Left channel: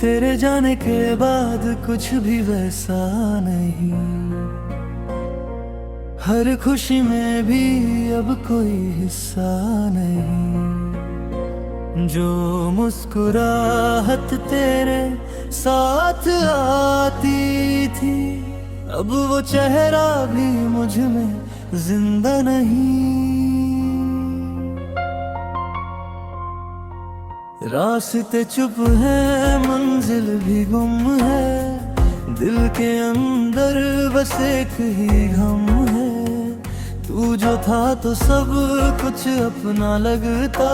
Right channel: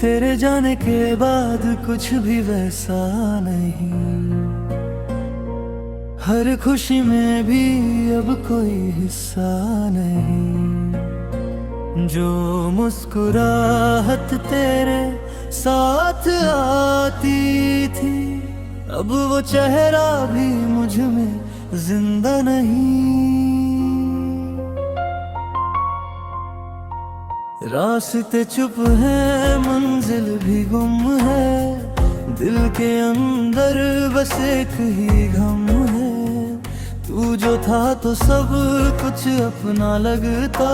तेरे जाने के बाद कुछ भी वैसा नहीं, हर खुशी में भी अब कोई हिस्सा नहीं। जो मुस्कुराहट तेरे साथ आती थी, अब वो चेहरा भी मुझ में जिंदा नहीं। रास्ते चुप है, मंजिल भी गुम है, दिल के अंदर बस एक ही गम है। तू जो था तो सब कुछ अपना लगता,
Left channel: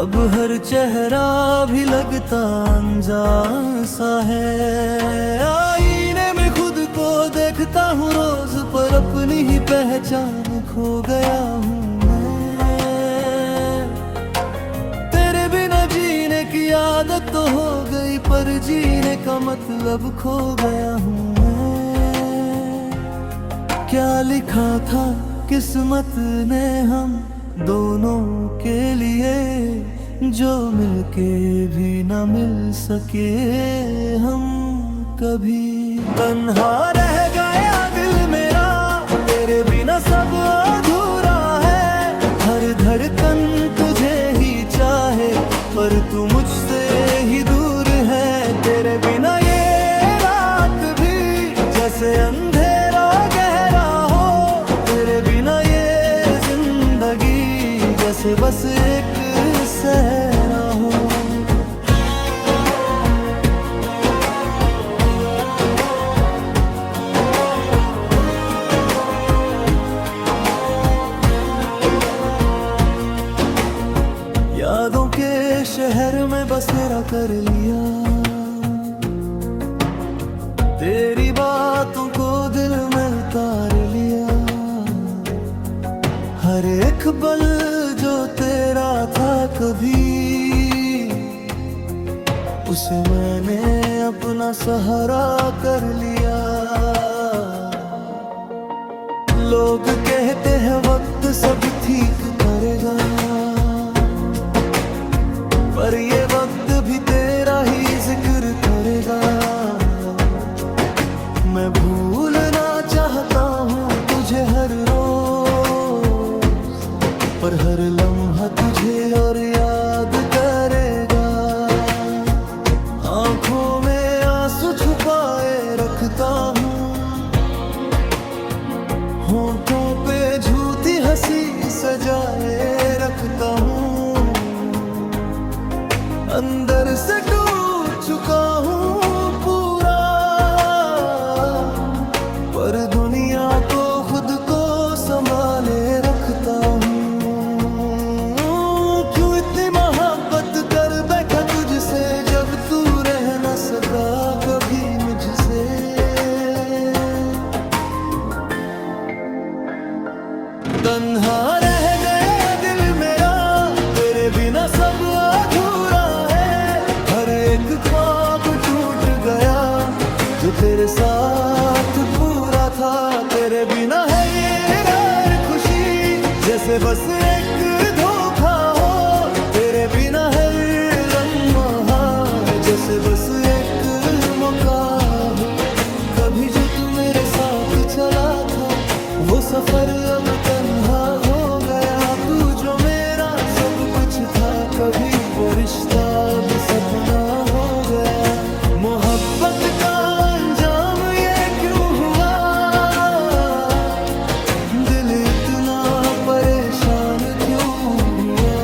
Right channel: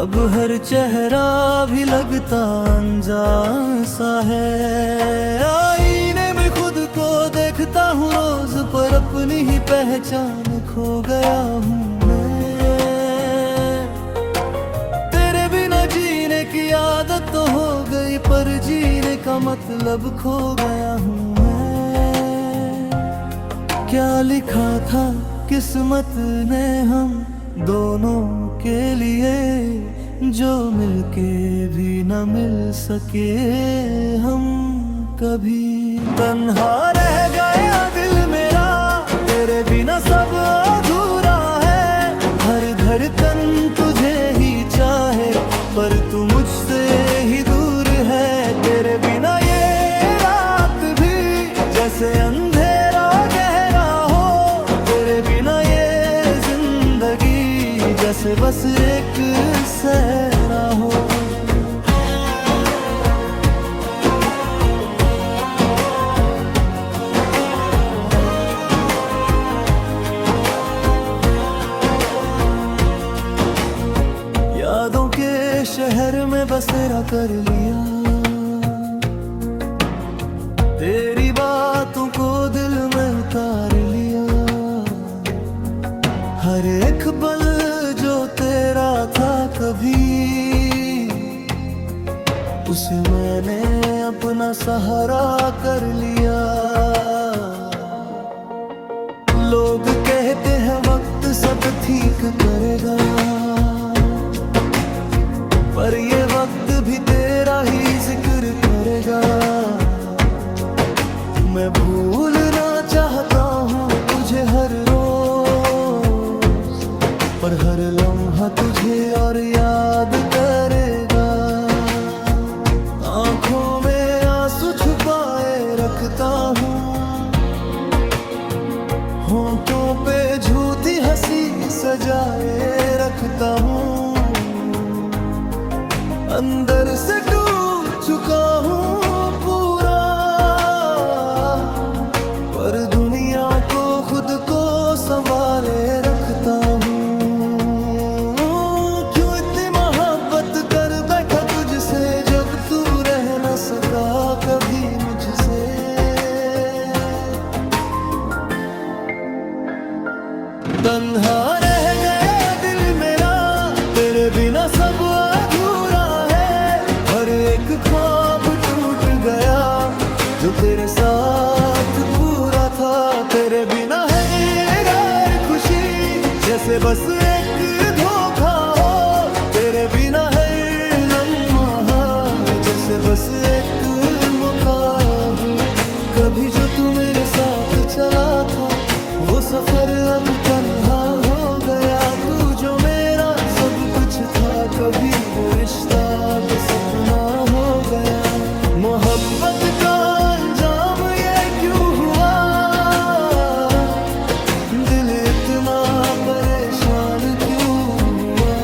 अब हर चेहरा भी लगता अनजान सा है। आईने में खुद को देखता हूँ रोज, पर अपनी ही पहचान खो गया हूँ मैं। तेरे बिना जीने की आदत तो हो गई, पर जीने का मतलब खो गया हूँ मैं। क्या लिखा था किस्मत ने हम दोनों के लिए, जो मिलके भी न मिल सके हम कभी। तन्हा रह गया दिल मेरा, तेरे बिना सब अधूरा है। हर धड़कन तुझे ही चाहे, पर तू मुझसे ही दूर है। तेरे बिना ये रात भी जैसे अंधेरा गहरा हो, तेरे बिना ये जिंदगी जैसे बस एक सहरा हो। यादों के शहर में बसेरा कर लिया, तेरी बातों को दिल में उतार लिया। हर एक पल जो तेरा था कभी, उसे मैंने अपना सहारा कर लिया। लोग कहते हैं वक्त सब ठीक करेगा, पर ये वक्त भी तेरा ही जिक्र करेगा। मैं भूलना चाहता हूँ तुझे हर रोज, पर हर लम्हा तुझे और याद करेगा। आंखों में आंसू छुपाए रखता हूँ, होठों पे झूठी हंसी सजाए रखता हूँ। अंदर से टूट चुका हूँ पूरा, पर दुनिया को खुद को संभाले रखता हूँ। क्यों इतनी मोहब्बत कर बैठा तुझसे, जब तू रह न सका कभी मुझसे। तन्हा रह गया दिल मेरा, तेरे बिना सब अधूरा है। हर एक ख्वाब टूट गया जो तेरे साथ पूरा था। तेरे बिना है हर खुशी जैसे बस एक धोखा हो। तेरे बिना है लम्हा जैसे बस एक मौका हो। कभी जो तू मेरे साथ चला था, वो सफर अब तन्हा हो गया। तू जो मेरा सब कुछ था कभी, वो रिश्ता अब सपना हो गया। मोहब्बत का अंजाम ये क्यों हुआ, दिल इतना परेशान क्यों हुआ।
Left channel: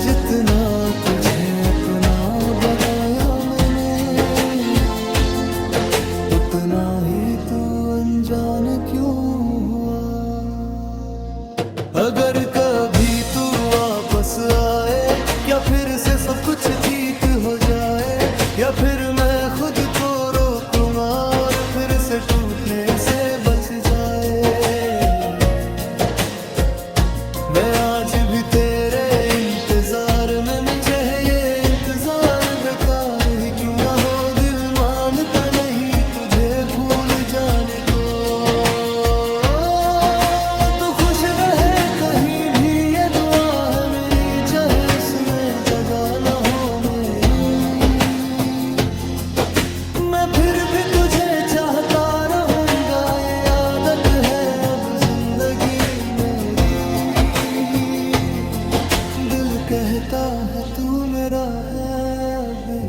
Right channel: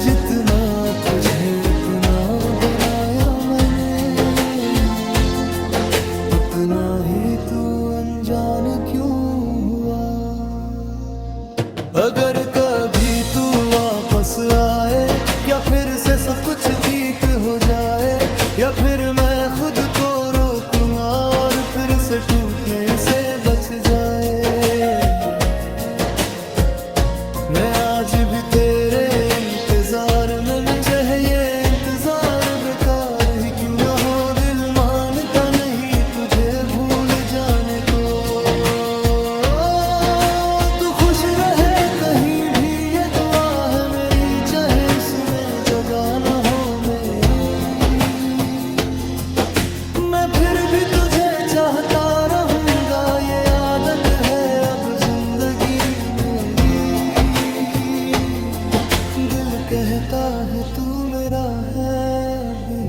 जितना तुझे अपना बनाया मैंने, उतना ही तू अनजान क्यों हुआ। अगर कभी तू वापस आए, क्या फिर से सब कुछ ठीक हो जाए, या फिर मैं खुद को रोक लूंगा और फिर से टूटने से बच जाए। मैं आज भी तेरे इंतजार में, मैं चाहे ये इंतजार बेकार ही क्यों ना हो। दिल मानता नहीं तुझे भूल जाने को। तू खुश रहे कहीं भी ये दुआ है मेरी, चाहे उसमें जगह ना हो मेरी। चाहता रहूंगा, ये आदत है अब जिंदगी मेरी। दिल कहता है तू मेरा है भी,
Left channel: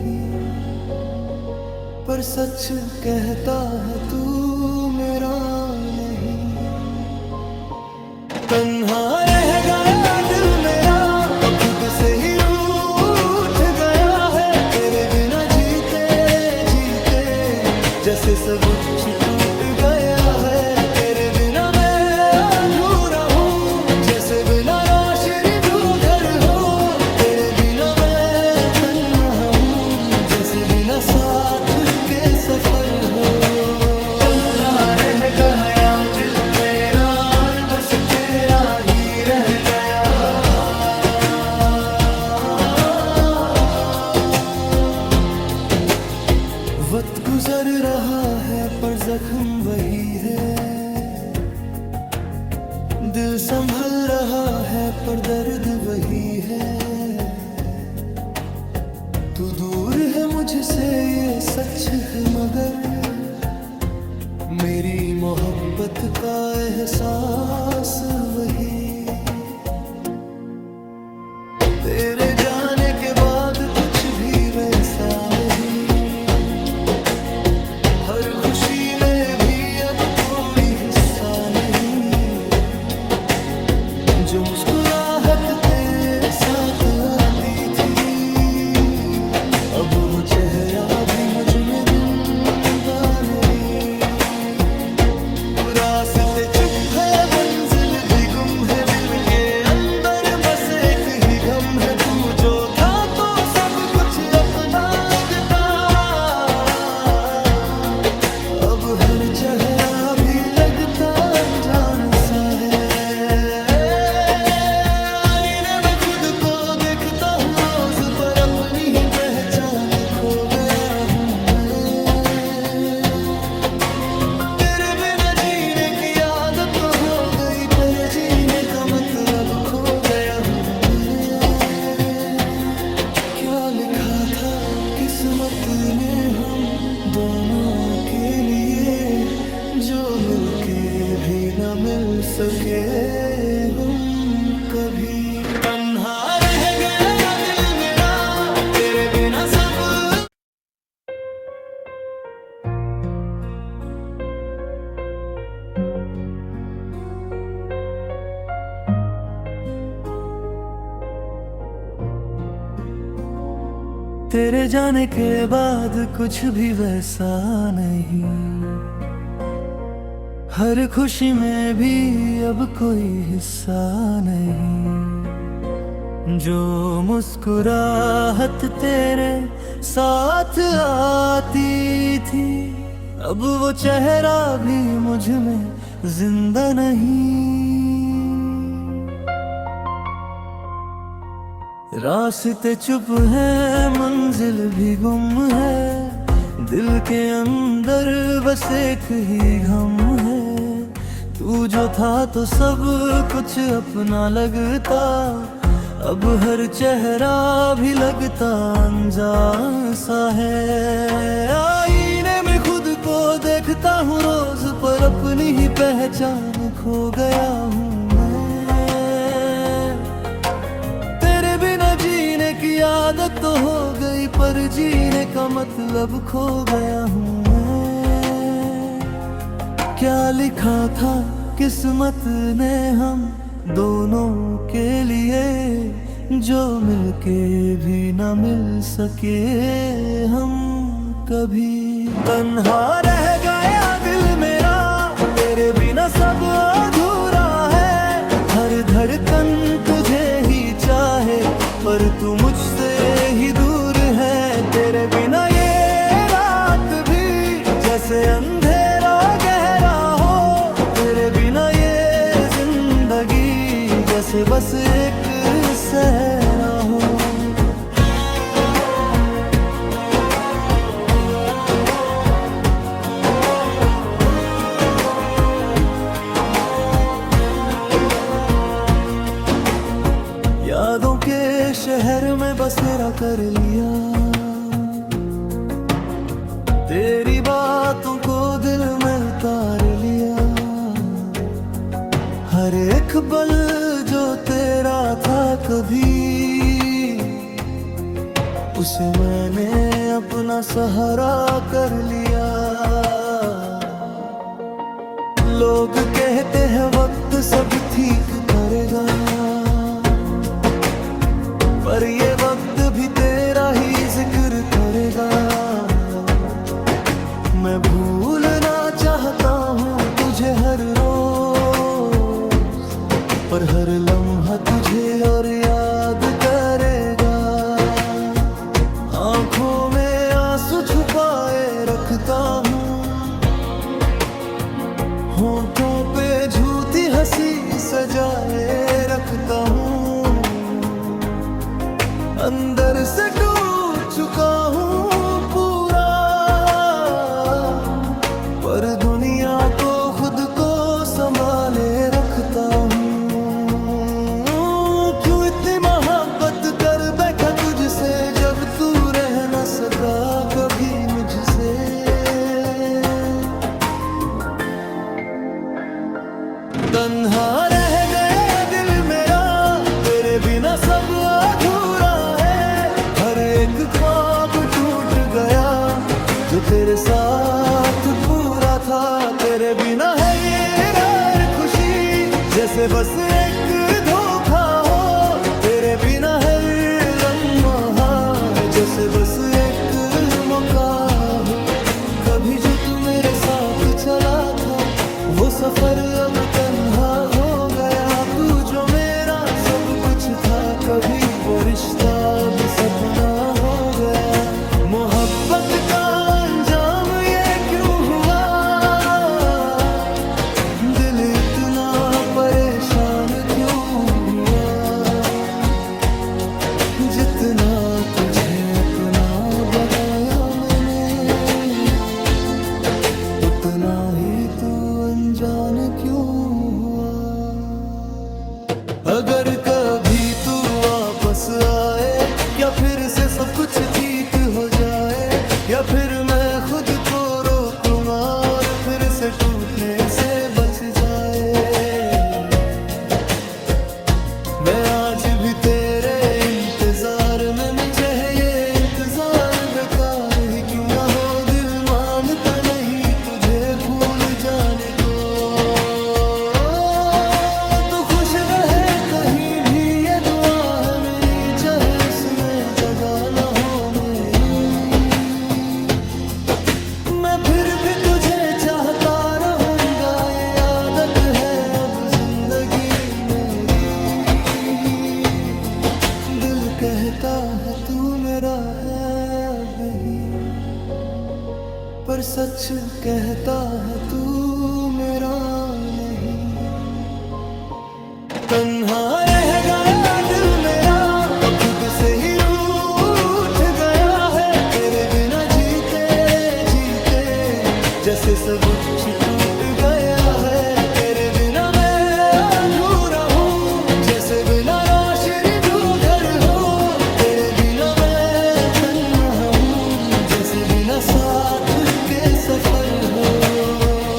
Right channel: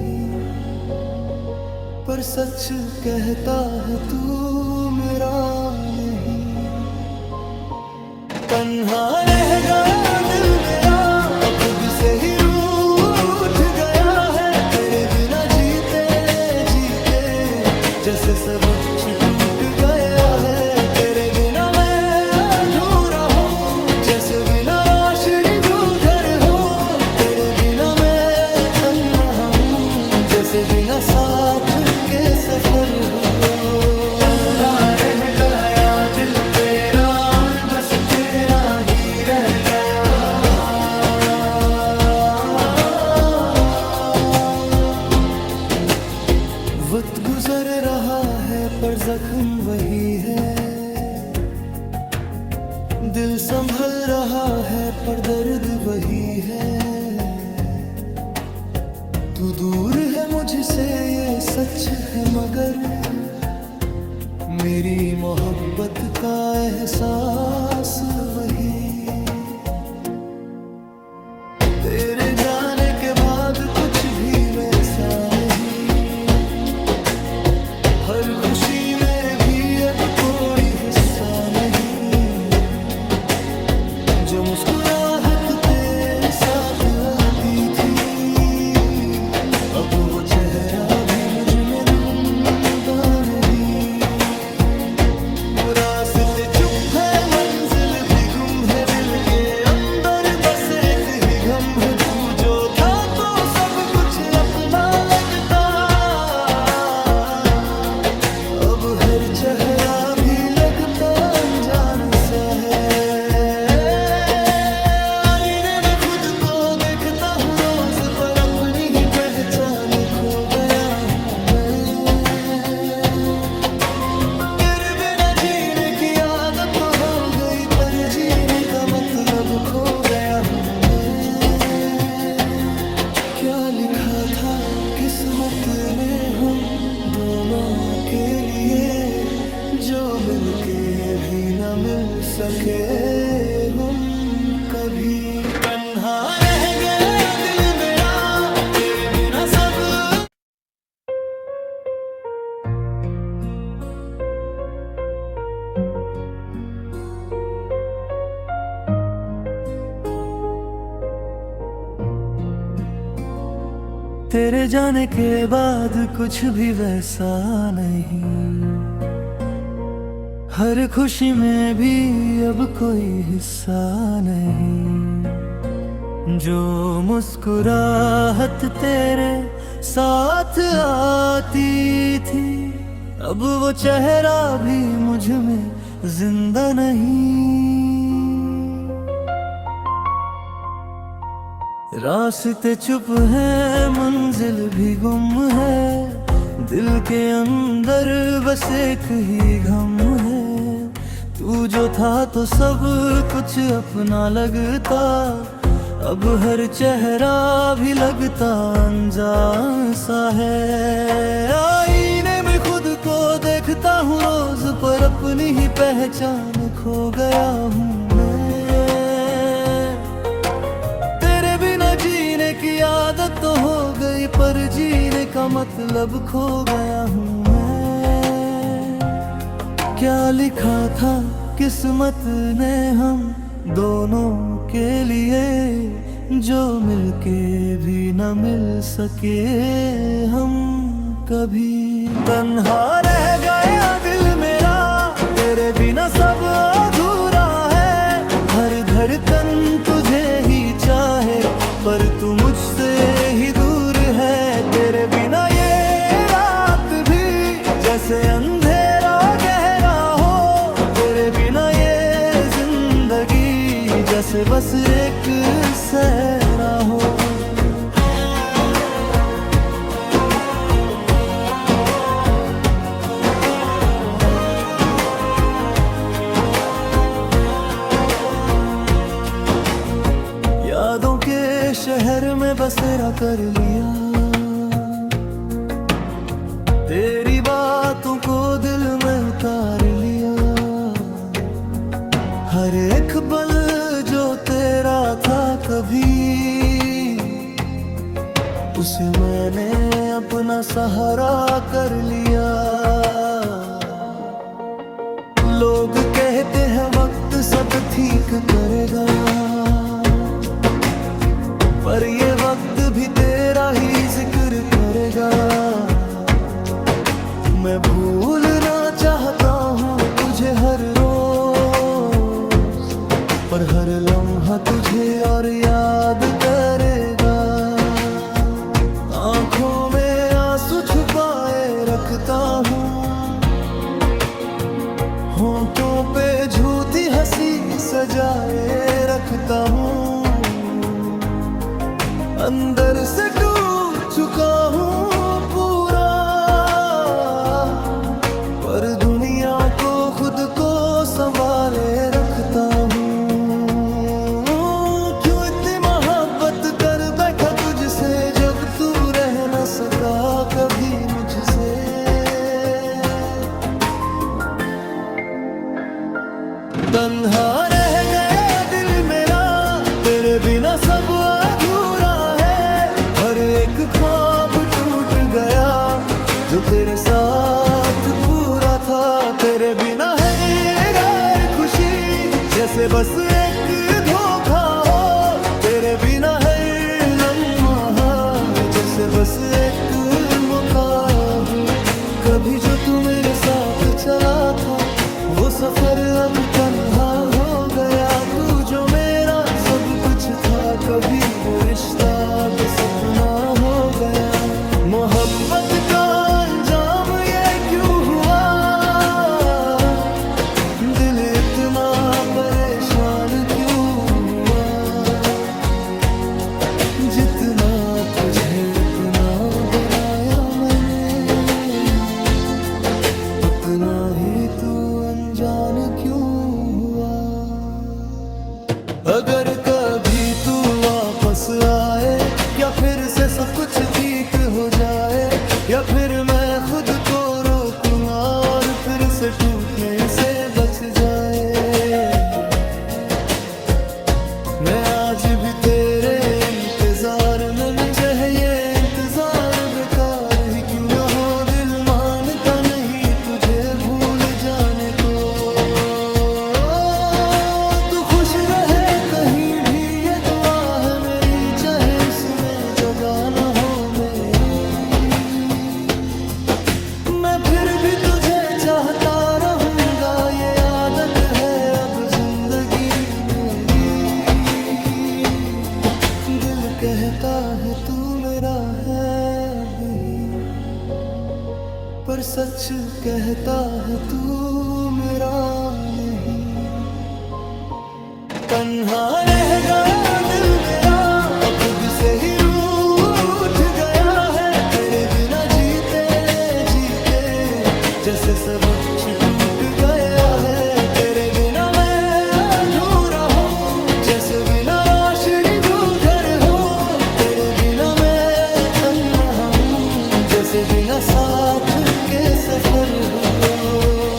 पर सच कहता है तू मेरा नहीं। तन्हा रह गया दिल मेरा, अब खुद से ही रूठ गया है। तेरे बिना जीते जीते जैसे सब कुछ टूट गया है। तेरे बिना मैं अधूरा हूँ, जैसे बिना रोशनी जो घर हो। तेरे बिना मैं तन्हा हूँ, जैसे बिना साथ के सफर हो। रह गया दिल मेरा और बस तेरा ही रह गया। वक्त गुजर रहा है पर जख्म वही है। दिल संभल रहा है पर दर्द वही है। तू दूर है मुझसे ये सच है, मगर मेरी मोहब्बत का एहसास वही। तेरे जाने के बाद कुछ भी वैसा नहीं, हर खुशी में भी अब कोई हिस्सा नहीं। जो मुस्कुराहट तेरे साथ आती थी, अब वो चेहरा भी मुझ में जिंदा नहीं। रास्ते चुप है, मंजिल भी गुम है, दिल के अंदर बस एक ही गम है। तू जो था तो सब कुछ अपना लगता, अब हर चेहरा भी लगता अनजान सा है। आईने में खुद को देखता हूँ रोज, पर अपनी ही पहचान खो गया हूँ मैं। तेरे बिना जीने की आदत तो हो गई, पर जीने का मतलब खो गया हूँ मैं। क्या लिखा था किस्मत ने हम दोनों के लिए, जो मिलके भी न मिल सके हम कभी। तन्हा रह गया दिल मेरा, तेरे बिना सब। तेरे जाने के बाद कुछ भी वैसा नहीं, हर खुशी में भी अब कोई हिस्सा नहीं। जो मुस्कुराहट तेरे साथ आती थी, अब वो चेहरा भी मुझ में जिंदा नहीं। रास्ते चुप है, मंजिल भी गुम है, दिल के अंदर बस एक ही गम है। तू जो था तो सब कुछ अपना लगता, अब हर चेहरा भी लगता अनजान सा है। आईने में खुद को देखता हूँ रोज, पर अपनी ही पहचान खो गया हूँ मैं। तेरे बिना जीने की आदत तो हो गई, पर जीने का मतलब खो गया हूँ मैं। क्या लिखा था किस्मत ने हम दोनों के लिए, जो मिलके भी न मिल सके हम कभी। तन्हा रह गया दिल मेरा, तेरे बिना सब अधूरा है। हर धड़कन तुझे ही चाहे, पर तू मुझसे ही दूर है। तेरे बिना ये रात भी जैसे अंधेरा गहरा हो। तेरे बिना ये जिंदगी जैसे बस एक सहरा हो। यादों के शहर में बसेरा कर लिया, तेरी बातों को दिल उतार लिया। हर एक पल जो तेरा था कभी, उसे मैंने अपना सहारा कर लिया। लोग कहते हैं वक्त सब ठीक करेगा, पर ये वक्त भी तेरा ही जिक्र करेगा। मैं भूलना चाहता हूँ तुझे हर रोज, पर हर लम्हा तुझे और याद करेगा। आंखों में आंसू छुपाए रखता हूँ, होंठों पे झूठी हंसी सजाए रखता हूँ। अंदर से टूट चुका हूँ पूरा, पर दुनिया को खुद को संभाले रखता हूँ। क्यों इतनी मोहब्बत कर बैठा तुझसे, जब तू रह न सका कभी मुझसे। तन्हा रह गया दिल मेरा, तेरे बिना सब अधूरा है। हर एक ख्वाब टूट गया जो तेरे साथ पूरा था। तेरे बिना है हर खुशी जैसे बस एक धोखा हो। तेरे बिना है लम्हा जैसे बस एक मौका हो। कभी जो तू मेरे साथ चला था, वो सफर अब तन्हा हो गया। तू जो मेरा सब कुछ था, कभी वो रिश्ता अब सपना हो गया। मोहब्बत का अंजाम ये क्यों हुआ, दिल इतना परेशान क्यों हुआ। जितना तुझे अपना बनाया मैंने, उतना ही तू अनजान क्यों हुआ। अगर कभी तू वापस आए, क्या फिर से सब कुछ ठीक हो जाए, या फिर मैं खुद को रोक लूंगा और फिर से टूटने से बच जाए। मैं आज भी तेरे इंतजार में, मैं चाहे ये इंतजार बेकार ही क्यों ना हो। दिल मानता नहीं तुझे भूल जाने को। तू खुश रहे कहीं भी ये दुआ है मेरी, चाहे उसमें जगह ना हो मेरी। मैं फिर भी तुझे चाहता रहूंगा, ये आदत है अब जिंदगी मेरी। दिल कहता है तू मेरा है भी, पर सच कहता है तू मेरा नहीं। तन्हा रह गया दिल मेरा, अब खुद से ही रूठ गया है। तेरे बिना जीते जीते जैसे सब कुछ टूट गया है। तेरे बिना मैं अधूरा हूँ, जैसे बिना रोशनी जो घर हो। तेरे बिना मैं तन्हा हूँ, जैसे बिना साथ के सफर हो।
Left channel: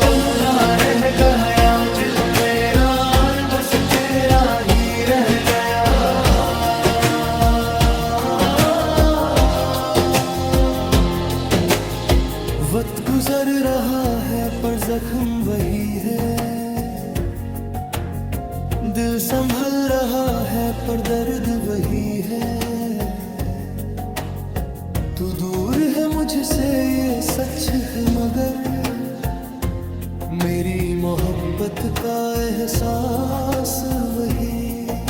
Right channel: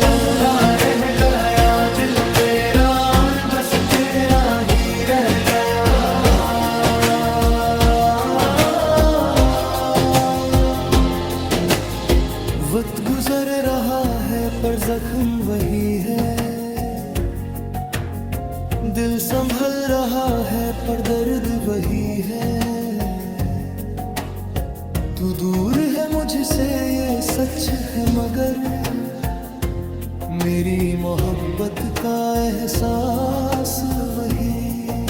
रह गया दिल मेरा और बस तेरा ही रह गया। वक्त गुजर रहा है पर जख्म वही है। दिल संभल रहा है पर दर्द वही है। तू दूर है मुझसे ये सच है, मगर मेरी मोहब्बत का एहसास वही।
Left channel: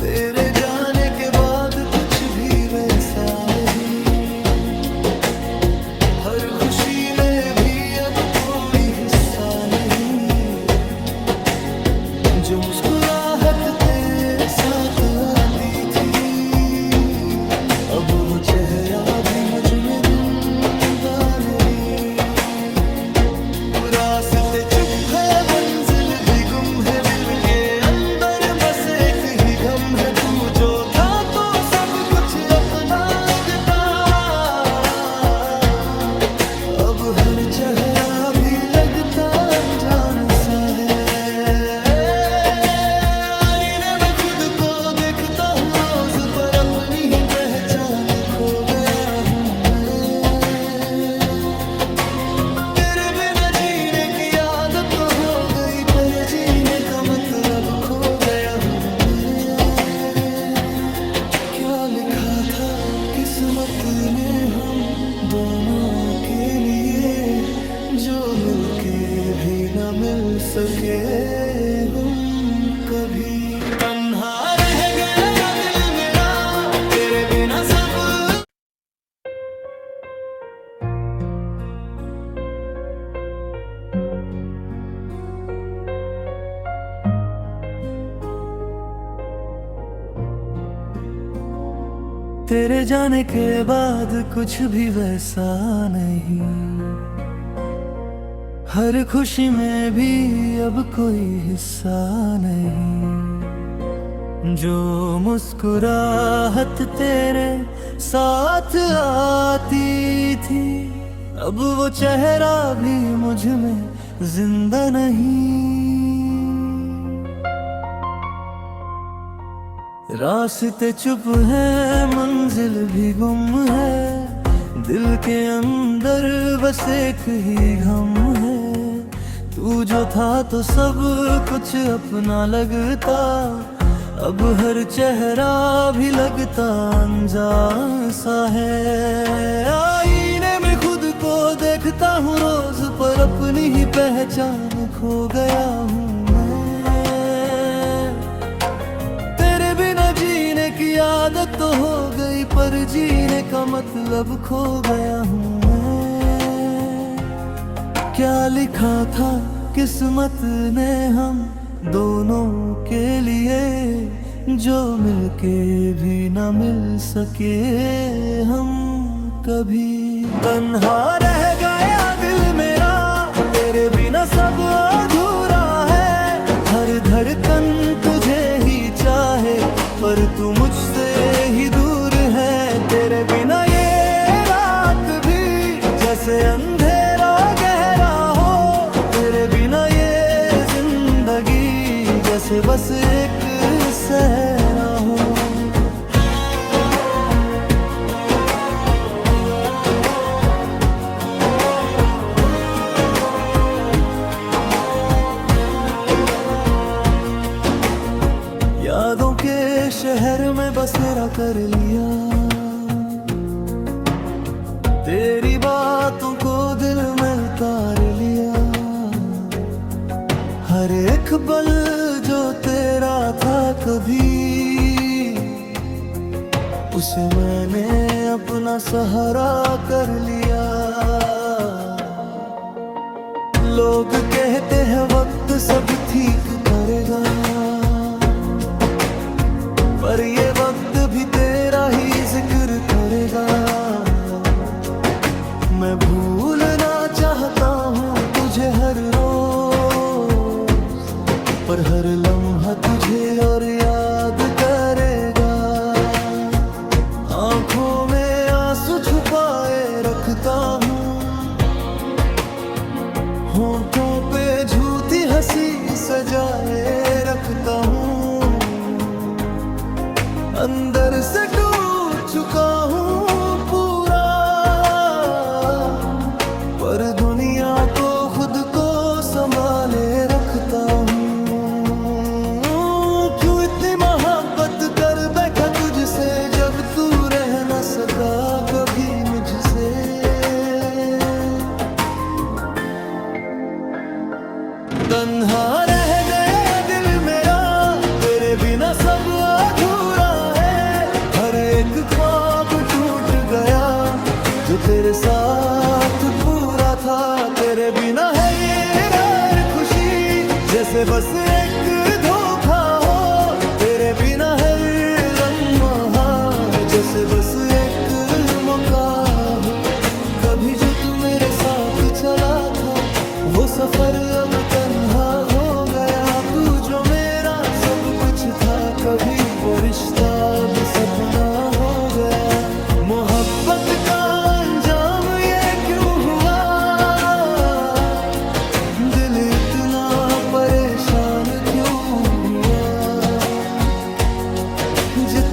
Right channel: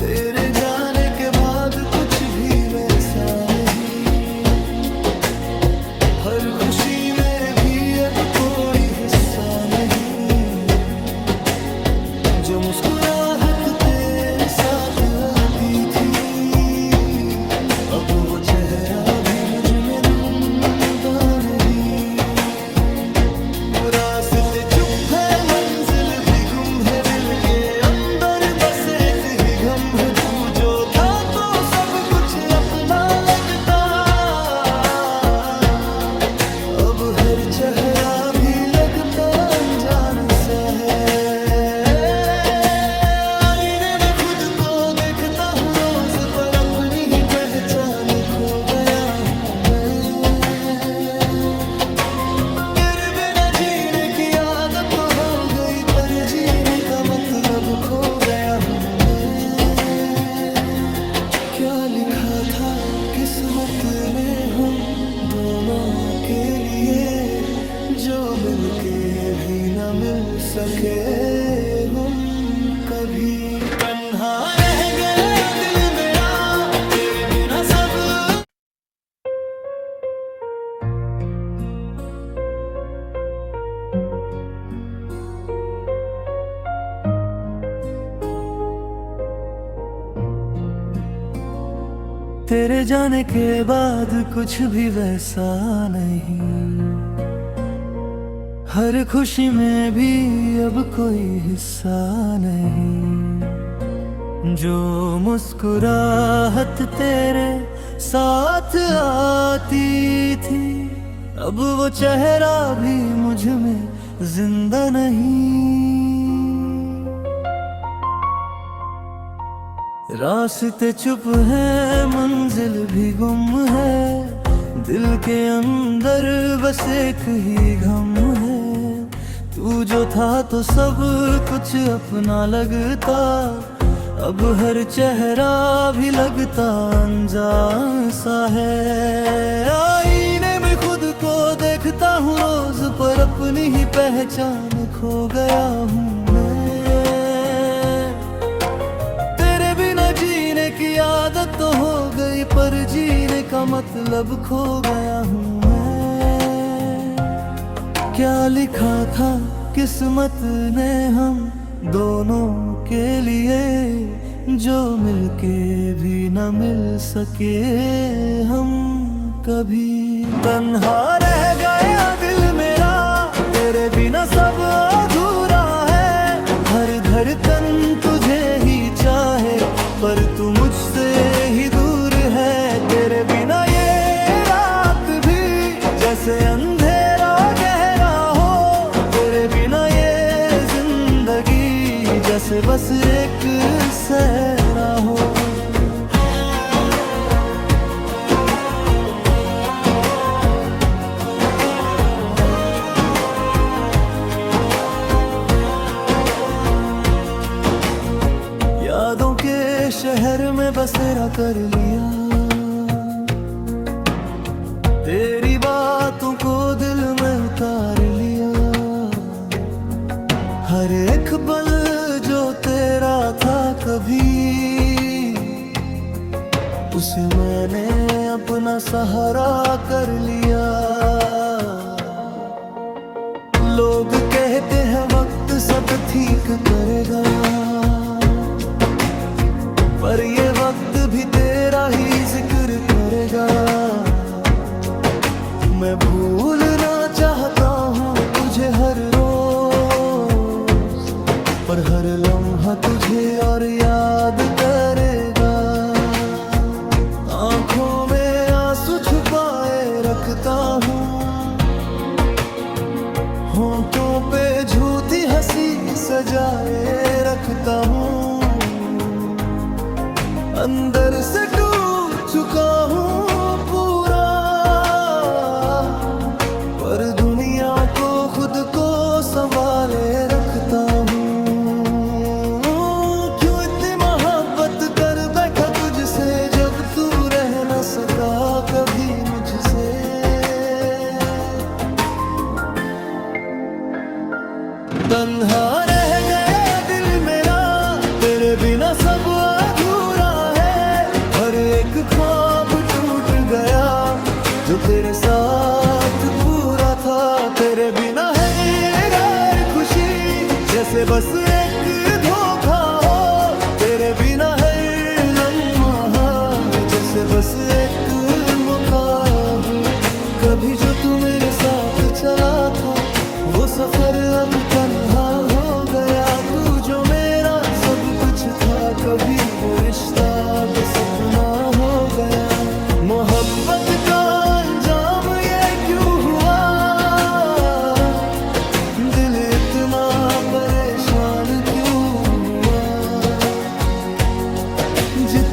तेरे जाने के बाद कुछ भी वैसा नहीं, हर खुशी में भी अब कोई हिस्सा नहीं। जो मुस्कुराहट तेरे साथ आती थी, अब वो चेहरा भी मुझ में ढूंढा नहीं। रास्ते चुप है, मंजिल भी गुम है, दिल के अंदर बस एक ही गम है। तू जो था तो सब कुछ अपना लगता, अब हर चेहरा भी लगता अनजान सा है। आईने में खुद को देखता हूँ रोज, पर अपनी ही पहचान खो गया हूँ मैं। तेरे बिना जीने की आदत तो हो गई, पर जीने का मतलब खो गया हूँ मैं। क्या लिखा था किस्मत ने हम दोनों के लिए, जो मिलके भी न मिल सके हम कभी। तन्हा रह गया दिल मेरा तेरे बिना सब। तेरे जाने के बाद कुछ भी वैसा नहीं, हर खुशी में भी अब कोई हिस्सा नहीं। जो मुस्कुराहट तेरे साथ आती थी, अब वो चेहरा भी मुझ में जिंदा नहीं। रास्ते चुप है, मंजिल भी गुम है, दिल के अंदर बस एक ही गम है। तू जो था तो सब कुछ अपना लगता, अब हर चेहरा भी लगता अनजान सा है। आईने में खुद को देखता हूँ रोज, पर अपनी ही पहचान खो गया हूँ मैं। जीने की आदत तो हो गई, पर जीने का मतलब खो गया हूँ मैं। क्या लिखा था किस्मत ने हम दोनों के लिए, जो मिलके भी न मिल सके हम कभी। तन्हा रह गया दिल मेरा तेरे बिना सब अधूरा है। हर धड़कन तुझे ही चाहे, पर तू मुझसे ही दूर है। तेरे बिना ये रात भी जैसे अंधेरा गहरा हो, तेरे बिना ये जिंदगी जैसे बस एक सहरा हो। यादों के शहर में बसेरा कर लिया, तेरी बातों को दिल में उतार लिया। हर एक पल जो तेरा था कभी, उसे मैंने अपना सहारा कर लिया। लोग कहते हैं वक्त सब ठीक करेगा, पर ये वक्त भी तेरा ही जिक्र करेगा। मैं भूलना चाहता हूँ तुझे हर रोज, पर हर लम्हा तुझे और याद करेगा। आंखों में आंसू छुपाए रखता हूँ, होंठों पे झूठी हंसी सजाए रखता हूँ। अंदर से टूट चुका हूँ पूरा, पर दुनिया को खुद को संभाले रखता हूँ। क्यों इतनी मोहब्बत कर बैठा तुझसे, जब तू रह न सका कभी मुझसे। तन्हा रह गया दिल मेरा तेरे बिना सब अधूरा है। हर एक ख्वाब टूट गया जो तेरे साथ पूरा था। तेरे बिना है हर खुशी जैसे बस एक धोखा हो। तेरे बिना है लम्हा जैसे बस एक मौका हो। कभी जो तू मेरे साथ चला था वो सफर अब तन्हा हो गया। तू जो मेरा सब कुछ था कभी वो रिश्ता अब सपना हो गया। मोहब्बत का अंजाम ये क्यों हुआ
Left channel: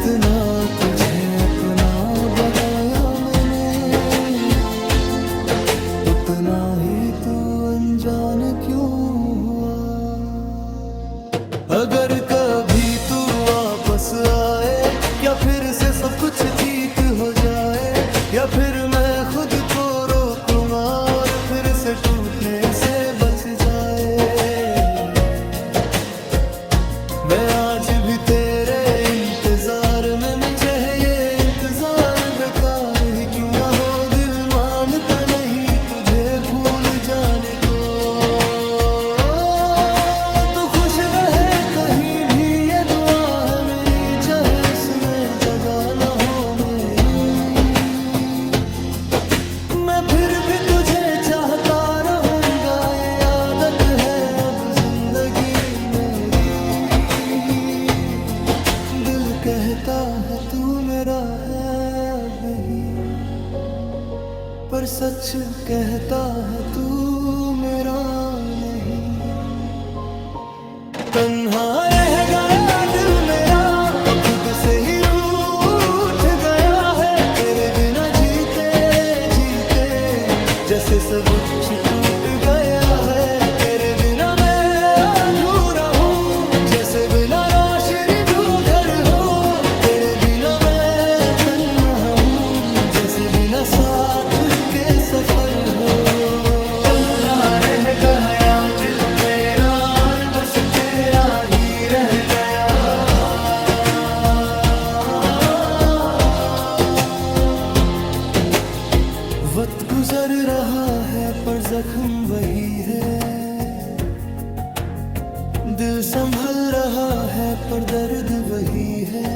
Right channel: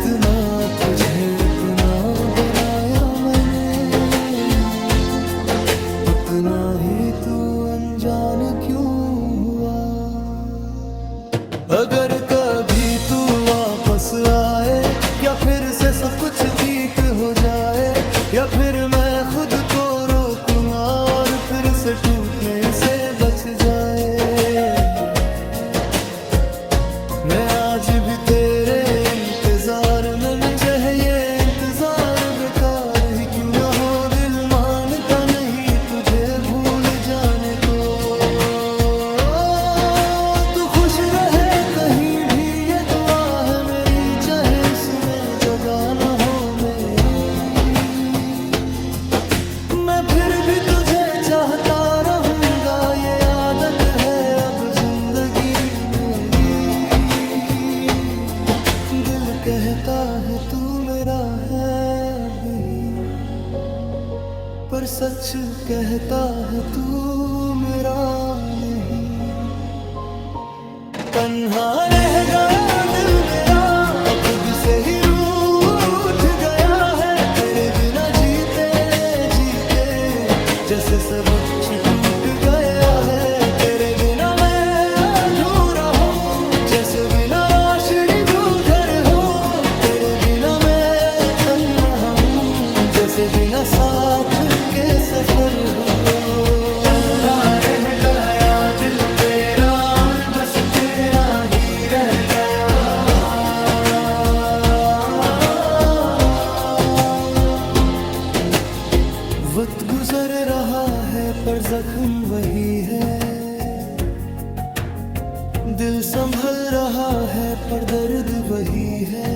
जितना तुझे अपना बनाया मैंने, उतना ही तू अनजान क्यों हुआ। अगर कभी तू वापस आए, क्या फिर से सब कुछ ठीक हो जाए, या फिर मैं खुद को रोक लूंगा और फिर से टूटने से बच जाए। मैं आज भी तेरे इंतजार में, मैं चाहे ये इंतजार बेकार ही क्यों ना हो, दिल मानता नहीं तुझे भूल जाने को। तू खुश रहे कहीं भी ये दुआ है मेरी, चाहे उसमें जगह ना हो मेरी। मैं फिर भी तुझे चाहता रहूंगा, ये आदत है अब जिंदगी मेरी। दिल कहता है तू मेरा है अब ही, पर सच कहता है तू मेरा नहीं। तन्हा रह गया दिल मेरा, अब खुद से ही रूठ गया है। तेरे बिना जीते जीते जैसे सब कुछ टूट गया है। तेरे बिना मैं अधूरा हूँ, जैसे बिना रोशनी जो घर हो। तेरे बिना मैं तन्हा हूँ, जैसे बिना साथ के सफर हो। रह गया दिल मेरा और बस तेरा ही रह गया। वक्त गुजर रहा है पर जख्म वही है, दिल संभल रहा है पर दर्द वही है।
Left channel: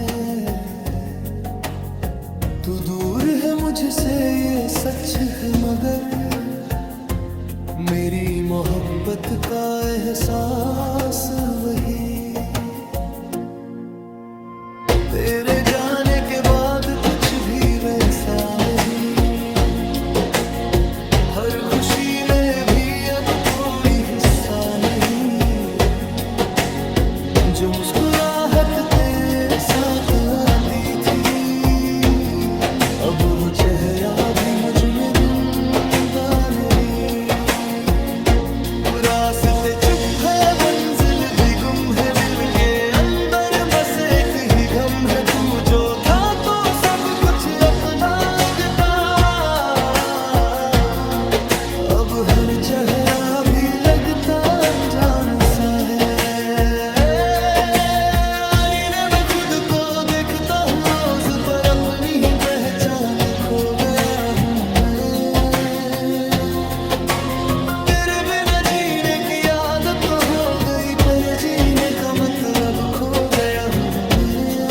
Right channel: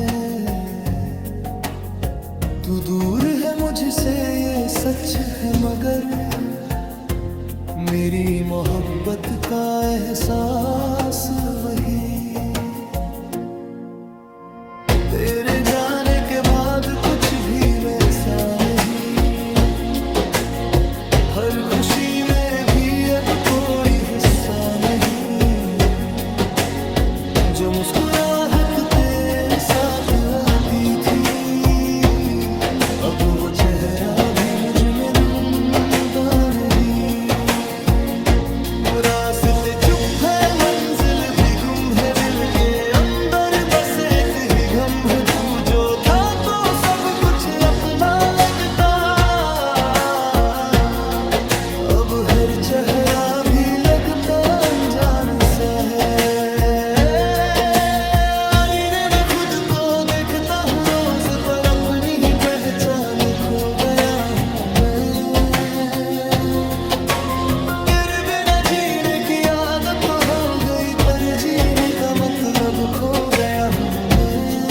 तू दूर है मुझसे ये सच है, मगर मेरी मोहब्बत का एहसास वही। तेरे जाने के बाद कुछ भी वैसा नहीं, हर खुशी में भी अब कोई हिस्सा नहीं। जो मुस्कुराहट तेरे साथ आती थी, अब वो चेहरा भी मुझ में ढूंढा नहीं। रास्ते चुप है, मंजिल भी गुम है, दिल के अंदर बस एक ही गम है। तू जो था तो सब कुछ अपना लगता, अब हर चेहरा भी लगता अनजान सा है। देखता हूँ रोज पर अपनी ही पहचान खो गया हूँ मैं। तेरे बिना जीने की आदत तो हो गई, पर जीने का मतलब खो गया हूँ मैं।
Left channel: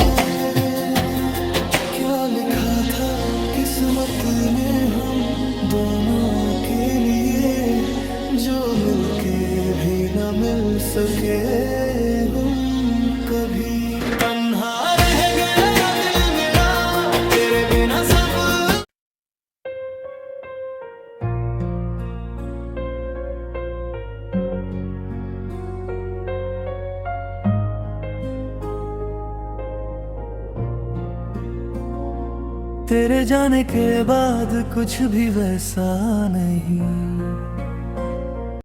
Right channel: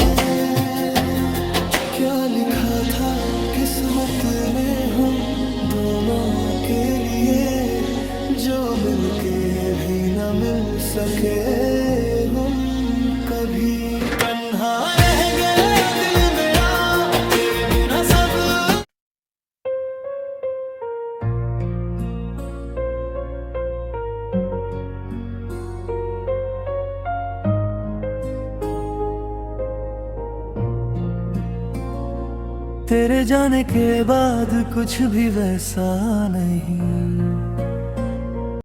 क्या लिखा था किस्मत ने हम दोनों के लिए, जो मिलके भी न मिल सके हम कभी। तन्हा रह गया दिल मेरा तेरे बिना सब। तेरे जाने के बाद कुछ भी वैसा नहीं,